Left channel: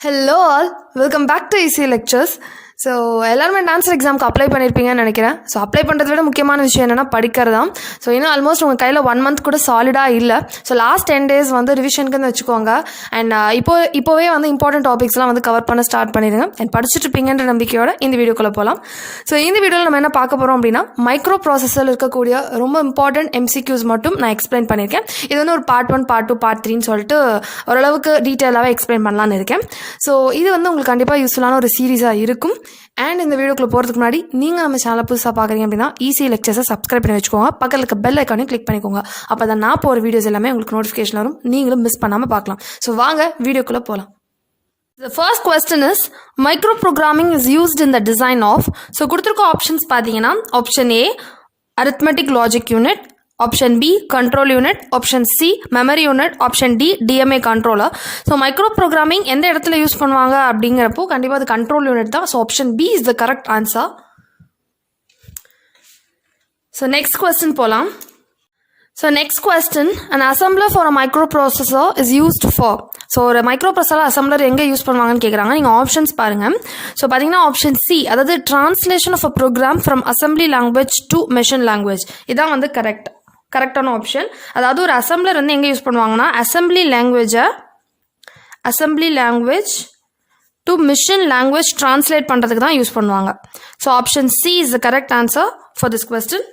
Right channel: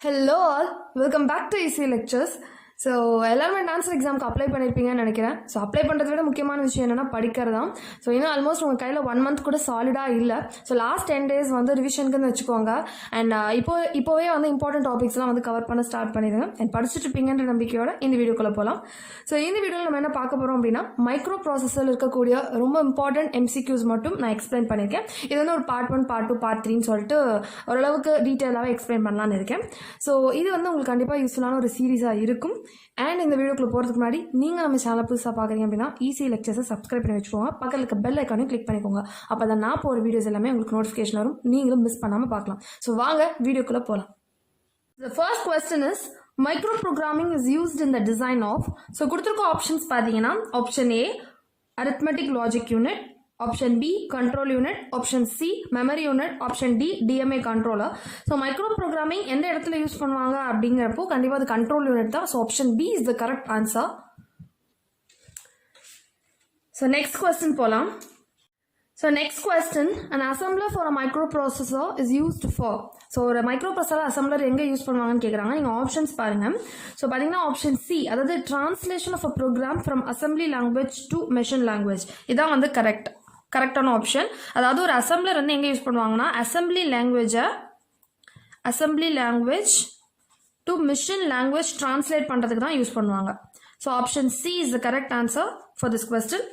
Hello all, welcome back to ECE lectures. So எல்லாருமே dancer எக்ஸாமுக்கு apply பண்ணியிருப்பீங்கன்னு நினைக்கிறேன். ஸோ அப்ளை பண்ணுறத விட முக்கியமான விஷயம் என்னென்னா படிக்கிறது தான். ஸோ இன்னும் ஆல்மோஸ்ட் உங்கள் கையில் 1 month கூட சாலிடாக இல்லை. ஸோ லாஸ்ட் 10 days வந்து ரிவிஷனுக்குன்னு வச்சுக்கோங்க. அண்ட் இப்போவே வந்து இம்பார்ட்டன்ட் டாபிக்ஸ்லாம் வந்து கவர் பண்ண ஸ்டார்ட் பண்ணிடுங்க. அண்ட் படிச்சுட்டு இருப்பீங்கன்ற நம்பிக்கையோட இந்த வீடியோக்குள்ளே போகலாம். ஸோ இந்த வீடியோவில் நம்ம என்ன பார்க்க போகிறோம் அப்படின்னா, மைக்ரோ ப்ராசஸரில் இருக்கக்கூடிய ரொம்ப இம்பார்ட்டன்ட் MCQs மட்டும் நான் எக்ஸ்பிளைன் பண்ணியிருக்கேன். இது வந்து ஒரு பார்ட் 1, பார்ட் 2, பார்ட் 3ன்னு சொல்லிட்டு ஓரளவுக்கு டீட்டெயிலாகவே எக்ஸ்பிளைன் பண்ணலான்னு இருக்கேன். ஸோ இது வந்து உங்களுக்கு கண்டிப்பாக யூஸ்ஃபுல்லான ஒரு சீரீஸாக இருக்கும். அண்ட் இந்த வீடியோக்குள்ளே போகிறதுக்கு முன்னாடி நீங்கள் நம்ம சேனலை புதுசாக பார்க்குறீங்க அப்படின்னா ECE lectures சப்ஸ்கிரைப் பண்ணி வச்சுக்கோங்க. பக்கத்தில் இருக்க பெல் ஐக்கானையும் கிளிக் பண்ணிக்கோங்க. அப்போ தான் நான் போகிற வீடியோஸ் எல்லாமே உங்களுக்கு நோட்டிஃபிகேஷன் வரும், நீங்களும் மிஸ் பண்ணாமல் பார்க்கலாம். ஸோ வாங்க வீடியோக்குள்ளே போகலாம். The first question is, microprogramming is used in the design of. So கொடுத்துருக்க ஆப்ஷன்ஸ் பார்த்தீங்கன்னா, option A arithmetic logic unit, option B control unit, option C memory unit, option D DMA controller. So microprogramming எந்த இடத்துல use பண்ணுவாங்க அப்படிங்கிறப்போ கண்டிப்பாக அது control unit தான். So option B is the correct answer. So next question போகலாம். So next question, an assembler for a microprocessor is used for. So ஒரு microprocessor assembler எங்கே யூஸ் பண்ணுவாங்கன்னு கேட்குறாங்க. நீங்கள் ஆப்ஷன்ஸ் பாருங்கள். ஸோ பார்த்தீங்கன்னா ஆப்ஷன் C, அதாவது translation of a program from assembly language to machine language, இதான் வந்து கரெக்டான ஆப்ஷன். அதாவது ஒரு அசம்பிளர் வந்து எங்கே யூஸ் பண்ணுவாங்கன்னா, assembly language to machine language translate பண்ணுறதுக்கு தான் யூஸ் பண்ணுவாங்க. So option C is the correct answer for this question.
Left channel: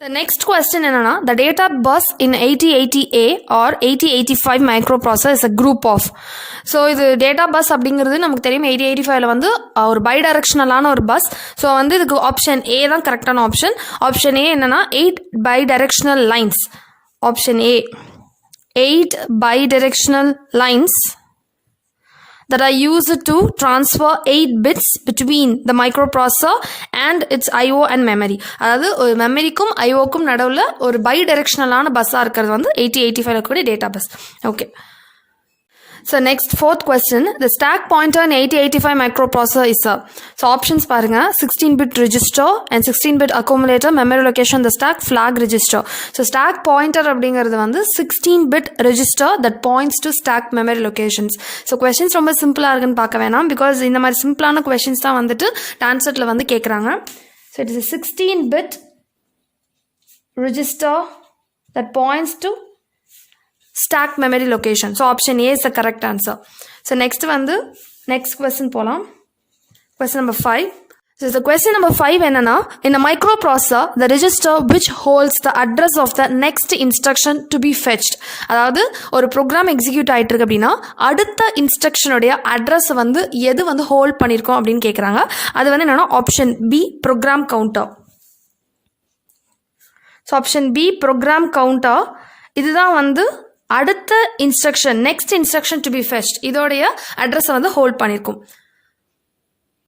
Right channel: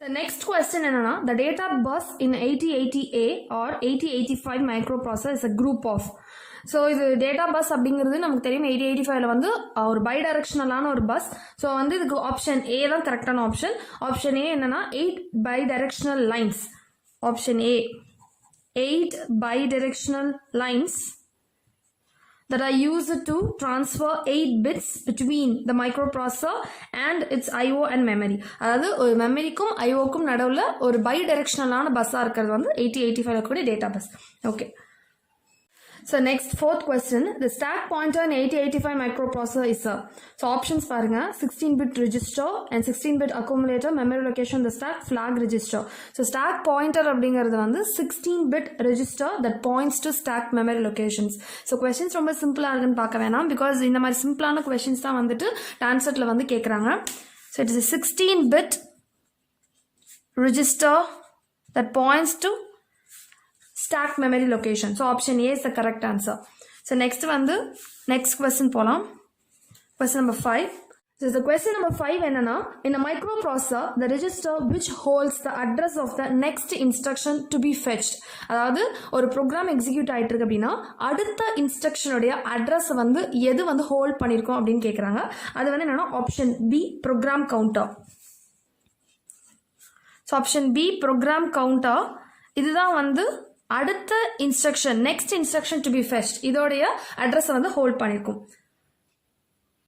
The next question என்னன்னா, the data bus in 8080A or 8085 microprocessor is a group of. So இது data bus அப்படிங்கிறது நமக்கு தெரியும். 8085ல வந்து ஒரு பை டைரக்ஷனலான ஒரு பஸ். ஸோ வந்து இதுக்கு ஆப்ஷன் A தான் கரெக்டான ஆப்ஷன். ஆப்ஷன் A என்னன்னா 8 bidirectional lines. Option A 8 bidirectional lines that are used to transfer 8 bits between the microprocessor and its IO and memory. அதாவது ஒரு மெமரிக்கும் ஐஓக்கும் நடுவில் ஒரு பை டைரக்ஷனலான பஸ்ஸாக இருக்கிறது வந்து 8085 கூடிய data bus. Okay. So next fourth question, the stack pointer in 8085 microprocessor is a. So options பாருங்க, 16-bit register and 16-bit accumulator, memory location, the stack, flag register. So stack pointer அப்படிங்கிறது வந்து 16-bit register that points to stack memory locations. So questions ரொம்ப சிம்பிளாக இருக்குன்னு பார்க்க வேணாம், because இந்த மாதிரி சிம்பிளான questions தான் வந்துட்டு TANCETல வந்து கேட்குறாங்க. So it is a 16-bit register that points to stack memory location. So option A is the correct answer. So next question போலாம். Question number 5. So the question number 5 என்னன்னா, in a microprocessor the register which holds the address of the next instruction to be fetched. அதாவது ஒரு program execute ஆகிட்டு இருக்கு அப்படின்னா அடுத்த இன்ஸ்ட்ரக்ஷனுடைய address வந்து எது வந்து ஹோல்ட் பண்ணியிருக்கோம் அப்படின்னு கேட்குறாங்க. அது வந்து என்னன்னா option B program counter. So option B program counter இதுதான் வந்து அடுத்த instruction, next instruction to be fetched, இதோடைய அட்ரஸை வந்து ஹோல்ட் பண்ணியிருக்கும்.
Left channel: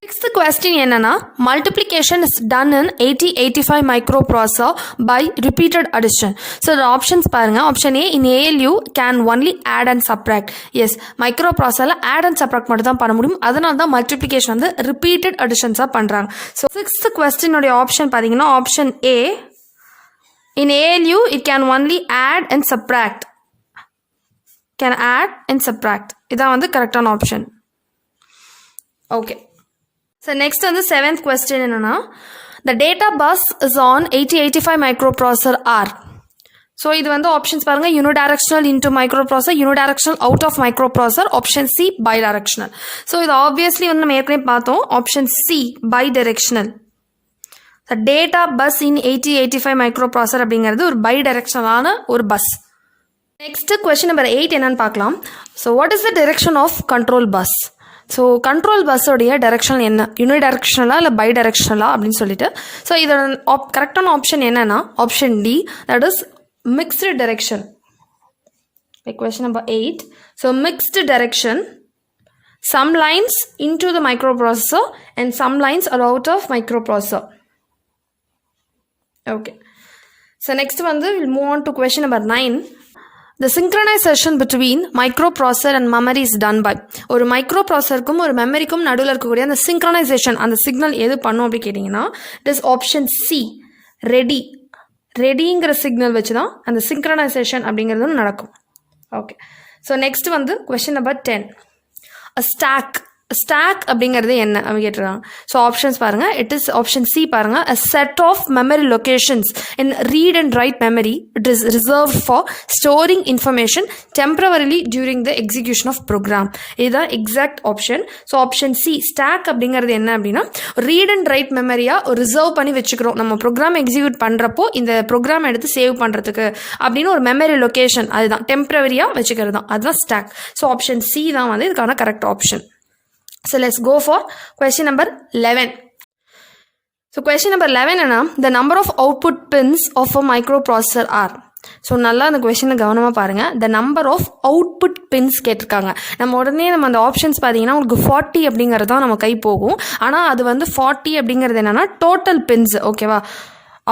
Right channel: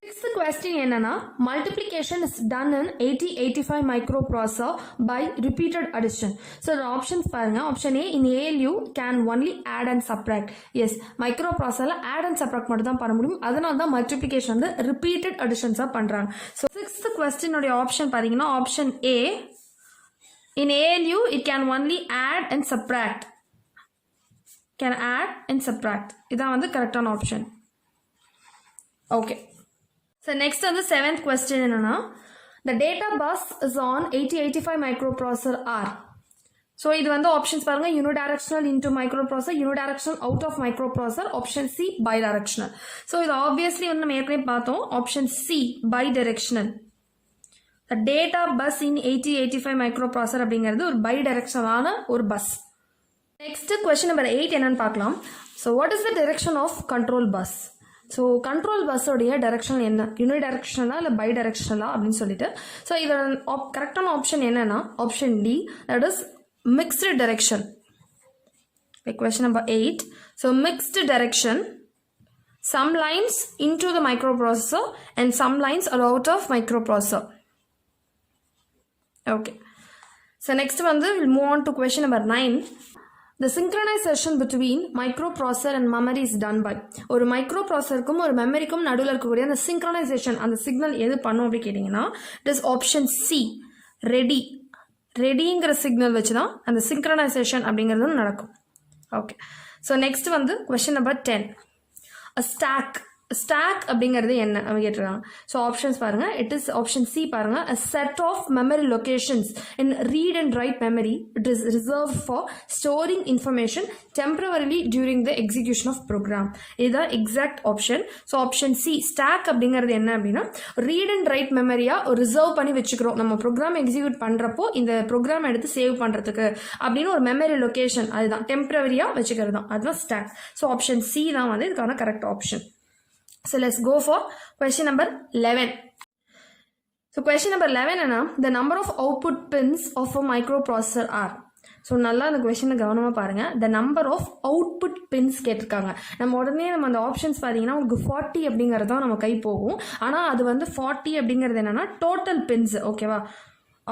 நெக்ஸ்ட் கொஸ்டின் என்னன்னா, multiplication is done in 8085 microprocessor by repeated addition. So options பாருங்க. Option A, in ALU can only add and subtract. Yes, மைக்ரோப்ராசஸரில் ஆட் அண்ட் சப்ராக்ட் மட்டும் தான் பண்ண முடியும். அதனால தான் மல்டிப்ளிகேஷன் வந்து ரிப்பீட்டட் அடிஷன்ஸாக பண்ணுறாங்க. ஸோ சிக்ஸ்த் கொஸ்டினுடைய ஆப்ஷன் பார்த்தீங்கன்னா option A, in ALU it can only add and subtract. Can add and subtract. இதான் வந்து கரெக்டான ஆப்ஷன். ஓகே. ஸோ நெக்ஸ்ட் வந்து 7th question என்னன்னா, the data bus is on 8085 microprocessor R. So இது வந்து options பாருங்க, unidirectional into microprocessor, unidirectional out of microprocessor, option C bidirectional. So இது obviously வந்து நம்ம ஏற்கனவே பார்த்தோம், option C bidirectional. Data bus in 8085 microprocessor அப்படிங்கிறது ஒரு பை டைரக்ஷனலான ஒரு பஸ். நெக்ஸ்ட் கொஸ்டின் நம்பர் 8 என்னன்னு பார்க்கலாம். So what is the direction of control bus? So control பஸ்ஸோடைய டைரக்ஷன் என்ன, யூனி டைரக்ஷனலா இல்லை பை டைரக்ஷனலா அப்படின்னு சொல்லிட்டு. ஸோ இதோட கரெக்டான ஆப்ஷன் என்னன்னா option D, that is mixed direction. Question number 8. So mixed direction, some lines into the microprocessor and some lines are out of microprocessor. Okay. So next one, we'll move on to question number 9. The synchronization between microprocessor and memory is done by. ஒரு மைக்ரோப்ராசஸருக்கும் ஒரு மெமரிக்கும் நடுவில் இருக்கக்கூடிய அந்த synchronisation, அந்த signal எது பண்ணும் அப்படி கேட்டிங்கன்னா இட் இஸ் ஆப்ஷன் C ரெடிங்கிற சிக்னல் வச்சு தான் அந்த சிங்க்ரனைசேஷன் அப்படிங்கிறதும் நடக்கும். ஓகே. ஸோ நெக்ஸ்ட் வந்து கொஸ்டின் நம்பர் 10. ஸ்டாக் அப்படிங்கிறது என்ன அவங்க கேட்டுருக்காங்க. ஸோ ஆப்ஷன்ஸ் பாருங்கள். இட் இஸ் ஆப்ஷன் சி பாருங்கள். A set of memory locations in read and write memory it is reserve for storing information temporarily during the execution of program. இதுதான் exact option. So option C stack அப்படிங்கிறது என்ன அப்படின்னா read and right மெமரியாக reserve பண்ணி வச்சுக்கிறோம். நம்ம program execute பண்ணுறப்போ இந்த program எடுத்து சேவ் பண்ணுறதுக்கு அப்படின்னு ஒரு மெமரி லொக்கேஷன் அதுதான் டெம்பரவரியாக வச்சுக்கிறது தான், அதுதான் ஸ்டாக். ஸோ ஆப்ஷன் சி தான் வந்து இதுக்கான correct option. So let's go for question number 11. So question number 11 என்ன, the number of output pins of a microprocessor are. So நல்லா அந்த கொஷனை கவனமாக பாருங்கள். The number of output pins கேட்டிருக்காங்க. நம்ம உடனே நம்ம அந்த ஆப்ஷன்ஸ் பார்த்தீங்கன்னா உங்களுக்கு 40 அப்படிங்கிறது தான் நம்ம கை போகும். ஆனால் அது வந்து 40 அப்படிங்கிறது என்னென்னா டோட்டல் பின்ஸ். ஓகேவா,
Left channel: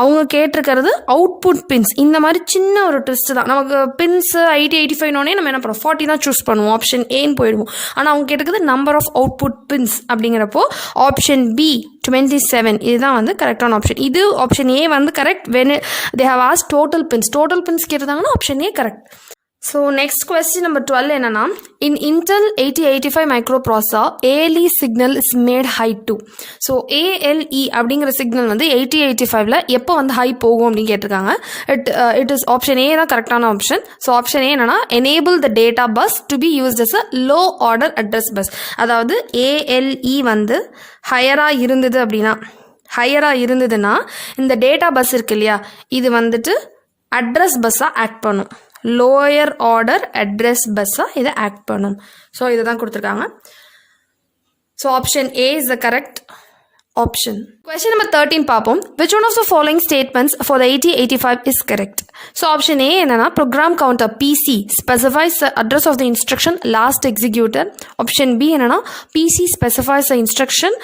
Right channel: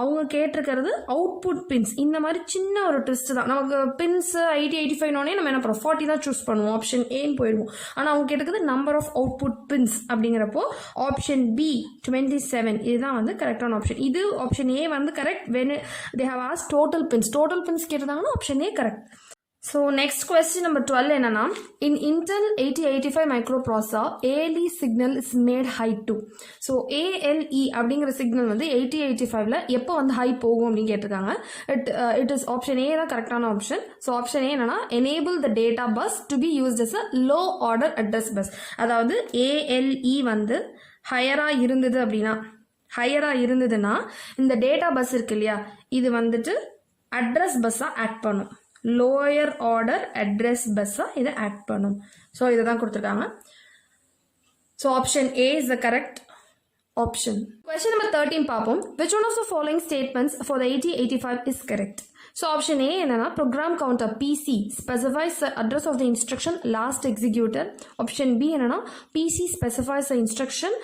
அவங்க கேட்டிருக்கிறது அவுட்புட் பின்ஸ். இந்த மாதிரி சின்ன ஒரு ட்விஸ்ட் தான். நமக்கு பின்ஸ் 85 நம்ம என்ன பண்ணுவோம் 40 தான் சூஸ் பண்ணுவோம், ஆப்ஷன் ஏன்னு போயிடுவோம். ஆனால் அவங்க கேட்டிருக்கிறது நம்பர் ஆஃப் அவுட்புட் பின்ஸ் அப்படிங்கிறப்போ ஆப்ஷன் பி 27 இதுதான் வந்து கரெக்டான ஆப்ஷன். இது ஆப்ஷன் ஏ வந்து correct. When they have asked total pins கேட்டிருந்தாங்கன்னா option A correct. So next question number 12 என்னன்னா, in Intel 8085 microprocessor ALE signal is made high to. So ALE அப்படிங்கிற signal வந்து 8085ல எப்போ வந்து ஹை போகும் அப்படின்னு கேட்டிருக்காங்க. இட் இஸ் ஆப்ஷன் ஏ தான் கரெக்டான ஆப்ஷன். ஸோ ஆப்ஷன் ஏ என்னன்னா enable the data bus to be used as a low order address bus. அதாவது ALE வந்து ஹையராக இருந்ததுன்னா இந்த டேட்டா பஸ் இருக்கு இல்லையா, இது வந்துட்டு அட்ரஸ் பஸ்ஸாக ஆக்ட் பண்ணும். லோயர் ஆர்டர் அட்ரஸ் பஸ்ஸாக இதை ஆக்ட் பண்ணும். ஸோ இதை தான் கொடுத்துருக்காங்க. So option A is the correct option. Question number 13 பார்ப்போம். Which one of the following statements for the 8085 is correct? So option A என்னன்னா program counter PC specifies the address of the instruction last executed. Option B என்னன்னா PC specifies the instruction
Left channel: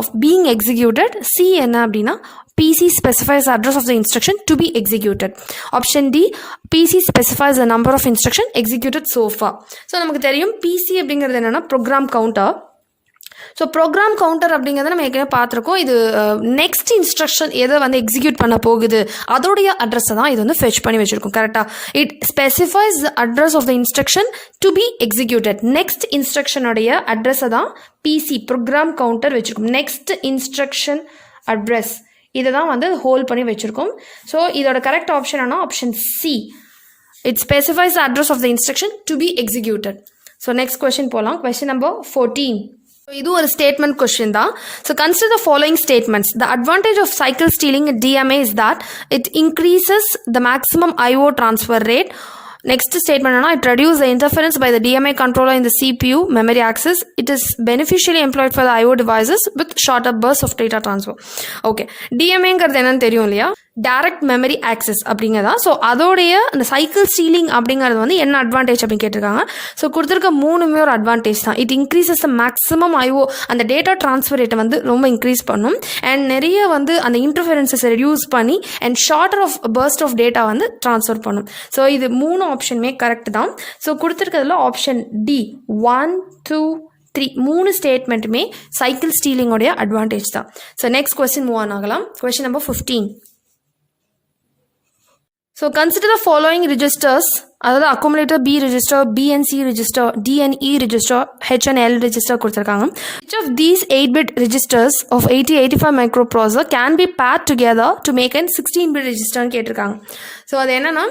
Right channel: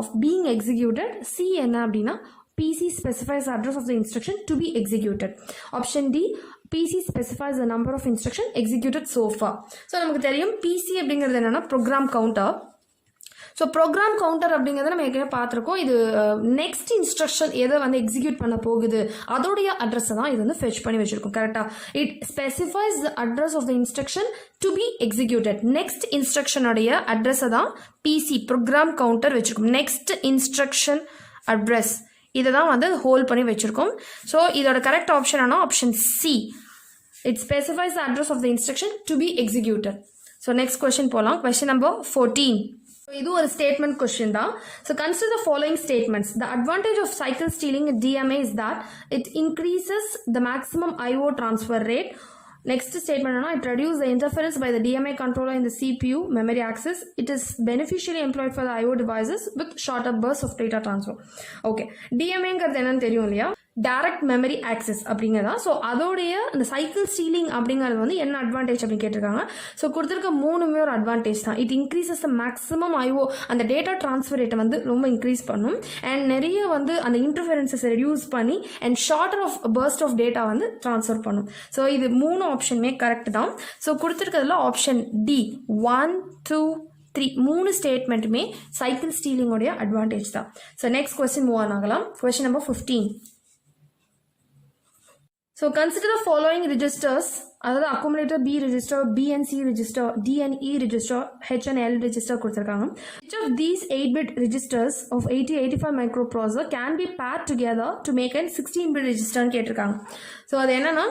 of being executed. C என்ன அப்படின்னா PC specifies the address of the instruction to be executed. Option D, PC specifies the number of instruction executed so far. So நமக்கு தெரியும் PC அப்படிங்கிறது என்னன்னா program counter. So program counter அப்படிங்கிறத நம்ம ஏற்கனவே பார்த்துருக்கோம். இது நெக்ஸ்ட் இன்ஸ்ட்ரக்ஷன் எதை வந்து எக்ஸிக்யூட் பண்ண போகுது அதோடைய அட்ரஸை தான் இது வந்து ஃபெச் பண்ணி வச்சுருக்கோம். கரெக்டாக it specifies the address of the instruction to be executed. Next இன்ஸ்ட்ரக்ஷனுடைய அட்ரஸை தான் பிசி ப்ரோக்ராம் கவுண்டர் வச்சுருக்கோம். நெக்ஸ்ட் இன்ஸ்ட்ரக்ஷன் அட்ரஸ் இதை தான் வந்து ஹோல்ட் பண்ணி வச்சுருக்கோம். ஸோ இதோட கரெக்ட் ஆப்ஷன் ஆனால் option C. It specifies the address of the instruction to be executed. So next question போகலாம். Question number 14. இது ஒரு ஸ்டேட்மெண்ட் கொஸ்டின் தான். So consider the following statements. The advantage of cycle stealing DMA is that it increases the maximum IO transfer rate. Next statement it reduces the interference by the DMA controller in the CPU memory access. It is beneficially employed for the IO devices with shorter bursts of data transfer. Okay, DMAங்கிறது என்னன்னு தெரியும் இல்லையா, direct memory access அப்படிங்கிறதா. So அதோடைய அந்த cycle stealing அப்படிங்கிறது வந்து என்ன அட்வான்டேஜ் அப்படின்னு கேட்டிருக்காங்க. ஸோ கொடுத்துருக்க மூணுமே ஒரு அட்வான்டேஜ் தான். It increases the maximum IO, அந்த டேட்டா ட்ரான்ஸ்ஃபர் ரேட்டை வந்து ரொம்ப இன்க்ரீஸ் பண்ணும். அண்ட் நிறைய வந்து அந்த இன்டர்ஃபரன்சஸை ரெடியூஸ் பண்ணி and shorter of burst of data வந்து ட்ரான்ஸ்ஃபர் பண்ணும். ஸோ இது மூணு ஆப்ஷனுமே கரெக்ட் தான். ஸோ கொடுத்துருக்கிறதுல ஆப்ஷன் டி 1, 2, 3 மூணு ஸ்டேட்மெண்ட்டுமே சைக்கிள் ஸ்டீலிங்கோடைய அட்வான்டேஜ் தான். So next question move on ஆகலாம். Question number 15. So consider the following registers, அதாவது accumulator B register, BNC register, DNE register, HNL register கொடுத்திருக்காங்க. Each of these 8-bit registers of 8085 microprocessor can be paired together to make an 16-bit register கேட்டிருக்காங்க. So அது என்னன்னா,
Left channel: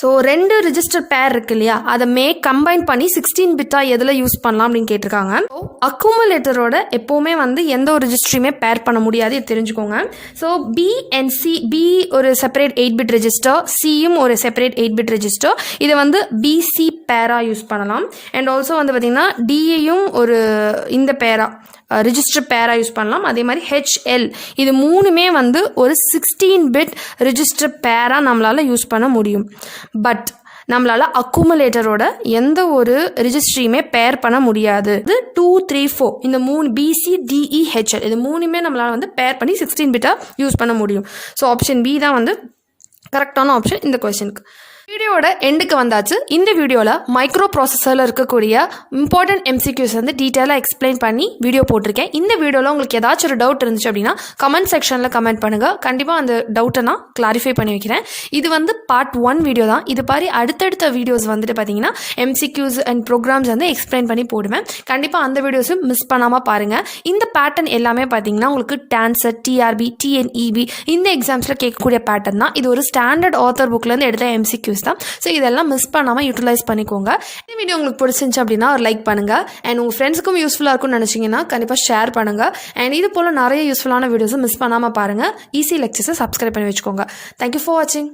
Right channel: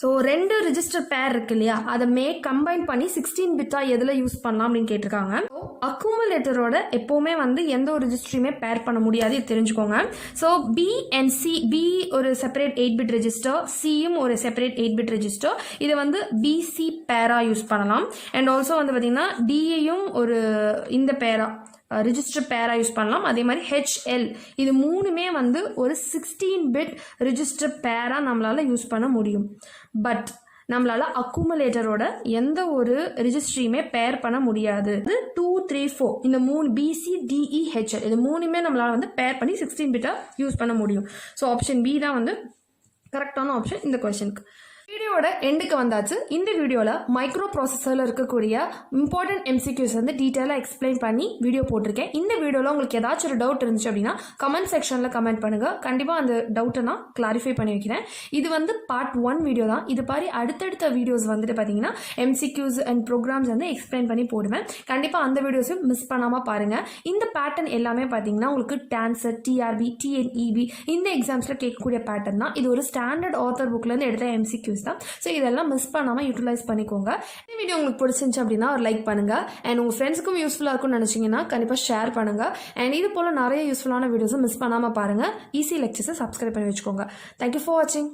so 2 register பேர் இருக்கு இல்லையா, அதை combine பண்ணி 16 பிட்டாக எதில் யூஸ் பண்ணலாம் அப்படின்னு கேட்டிருக்காங்க. ஸோ அக்குமுலேட்டரோட எப்போவுமே வந்து எந்த ஒரு ரிஜிஸ்டரையுமே பேர் பண்ண முடியாது, இது தெரிஞ்சுக்கோங்க. So B and C, B ஒரு செப்பரேட் 8-bit ரெஜிஸ்டர், Cயும் ஒரு செப்பரேட் 8-bit ரெஜிஸ்டர். இதை வந்து BC பேராக யூஸ் பண்ணலாம். அண்ட் ஆல்சோ வந்து பார்த்திங்கன்னா DAயும் ஒரு இந்த பேராக ரிஜிஸ்டர் பேராக யூஸ் பண்ணலாம். அதே மாதிரி HL இது மூணுமே வந்து ஒரு 16-bit ரிஜிஸ்டர் பேராக நம்மளால் யூஸ் பண்ண முடியும். பட் நம்மளால் அக்குமுலேட்டரோட எந்த ஒரு ரிஜிஸ்ட்ரியுமே பேர் பண்ண முடியாது. இது 2, 3, 4 இந்த மூணு BC, DE, HL இது மூணுமே நம்மளால் வந்து பேர் பண்ணி 16 பிட்டாக யூஸ் பண்ண முடியும். ஸோ ஆப்ஷன் பி தான் வந்து கரெக்டான ஆப்ஷன் இந்த கொஸ்டினுக்கு. வீடியோட எண்டுக்கு வந்தாச்சு. இந்த வீடியோவில் மைக்ரோ ப்ராசஸரில் இருக்கக்கூடிய இம்பார்ட்டன்ட் MCQs வந்து டீட்டெயிலாக எக்ஸ்பிளைன் பண்ணி வீடியோ போட்டிருக்கேன். இந்த வீடியோவில் உங்களுக்கு ஏதாச்சும் ஒரு டவுட் இருந்துச்சு அப்படின்னா கமெண்ட் செக்ஷனில் கமெண்ட் பண்ணுங்கள். கண்டிப்பாக அந்த டவுட்டை நான் கிளாரிஃபை பண்ணி வைக்கிறேன். இது வந்து பார்ட் 1 வீடியோ தான். இது மாதிரி அடுத்தடுத்த வீடியோஸ் வந்துட்டு பார்த்தீங்கன்னா MCQs அண்ட் ப்ரோக்ராம்ஸ் வந்து எக்ஸ்பிளைன் பண்ணி போடுவேன். கண்டிப்பாக அந்த வீடியோஸும் மிஸ் பண்ணாமல் பாருங்கள். இந்த பேட்டர்ன் எல்லாமே பார்த்தீங்கன்னா உங்களுக்கு TANCET, TRB, TNEB இந்த எக்ஸாம்ஸில் கேட்கக்கூடிய பேட்டர்ன் தான். இது ஒரு ஸ்டாண்டர்ட் ஆத்தர் புக்லேருந்து எடுத்த MCQs தான். ஸோ இதெல்லாம் மிஸ் பண்ணாமல் யூட்டிலைஸ் பண்ணிக்கோங்க. இந்த வீடியோ உங்களுக்கு பிடிச்சிருந்துச்சு அப்படின்னா ஒரு லைக் பண்ணுங்கள். அண்ட் உங்கள் ஃப்ரெண்ட்ஸுக்கும் யூஸ்ஃபுல்லாக இருக்கும்னு நினச்சிங்கன்னா கண்டிப்பாக ஷேர் பண்ணுங்கள். அண்ட் இது போல் நிறைய யூஸ்ஃபுல்லான வீடியோஸும் மிஸ் பண்ணாமல் பாருங்கள். ECE லெக்சர்ஸை சப்ஸ்கிரைப் பண்ணி வச்சுக்கோங்க. தேங்க்யூ ஃபார் வாட்சிங்.